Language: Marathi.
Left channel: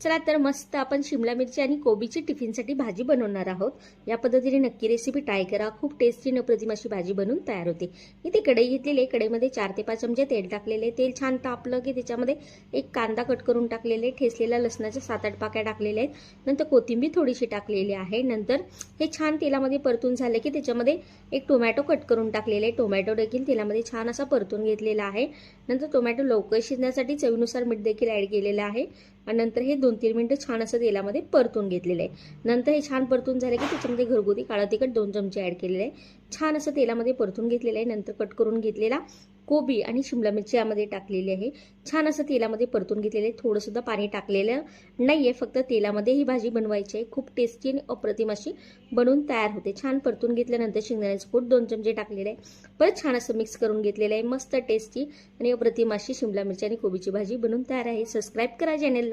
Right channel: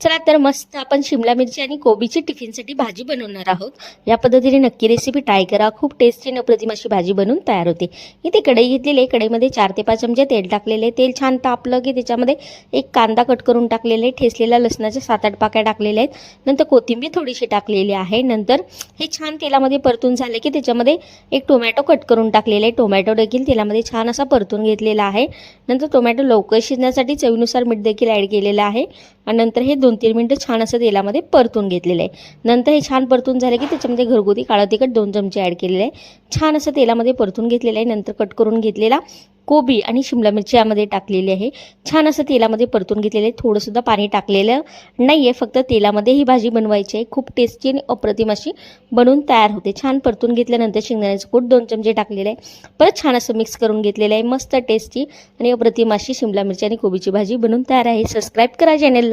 चला तर मस्त आपण शिमला मिरची आणि कोबीची टिफिनसाठी भाजी बनवणार आहोत। या पद्धतीने नक्की रेसिपी ट्राय करा। खूप टेस्टी आणि अप्रतिम अशी भाजी बनवून तयार होते। इथे कढई घेतलेली आहे, कढईमध्ये 4 ते 5 चमचे तेल टाकलेले। तेल छान तापलं की त्याच्यामध्ये एक कांदा कट करून टाकलेले, ठेचलेल्या लसणाच्या 7-8 पाकळ्या टाकलेल्या आहेत। नंतर कोथिंबीर थोडीशी टाकलेली आहे। नंतर हे छान तेलामध्ये परतून झाले की त्याच्यामध्ये एक टोमॅटो कट करून टाकलेले, टोमॅटो देखील तेलामध्ये छान असा परतून घेतलेला आहे। नंतर टोमॅटो लवकर शिजण्यासाठी चवीनुसार मीठ देखील ॲड केलेलं आहे आणि नंतर हे 2-3 मिनिटं छान असं तेलामध्ये परतून घेतलेलं आहे। नंतर हे छान परतून झाले की त्याच्यामध्ये घरगुती काळं तिखट 2 चमचे ॲड केलेले आहे। छान असं तेलामध्ये परतून घेतलेलं आहे। नंतर कट करून घेतलेला कोबी आणि शिमला मिरची यामध्ये टाकलेली आहे। छान असं तेलामध्ये परतून घेतलेले आहे। थोडं सुद्धा पाणी टाकलेलं नाही आहे, फक्त तेलामध्ये ही भाजी बनवायची आहे। खूप टेस्टी आणि अप्रतिम अशी बनवून तयार होते। छान परतून घेतल्यानंतर शेंगदाण्याचं कूट 2 चमचे टाकलेले आहे। परत छान असं मिक्स करून घेतलेलं आहे। मस्त टेस्टी आणि अप्रतिम अशी शिमला मिरची आणि कोबीची भाजी बनवून तयार आहे। सबस्क्राईब करा चॅनलला।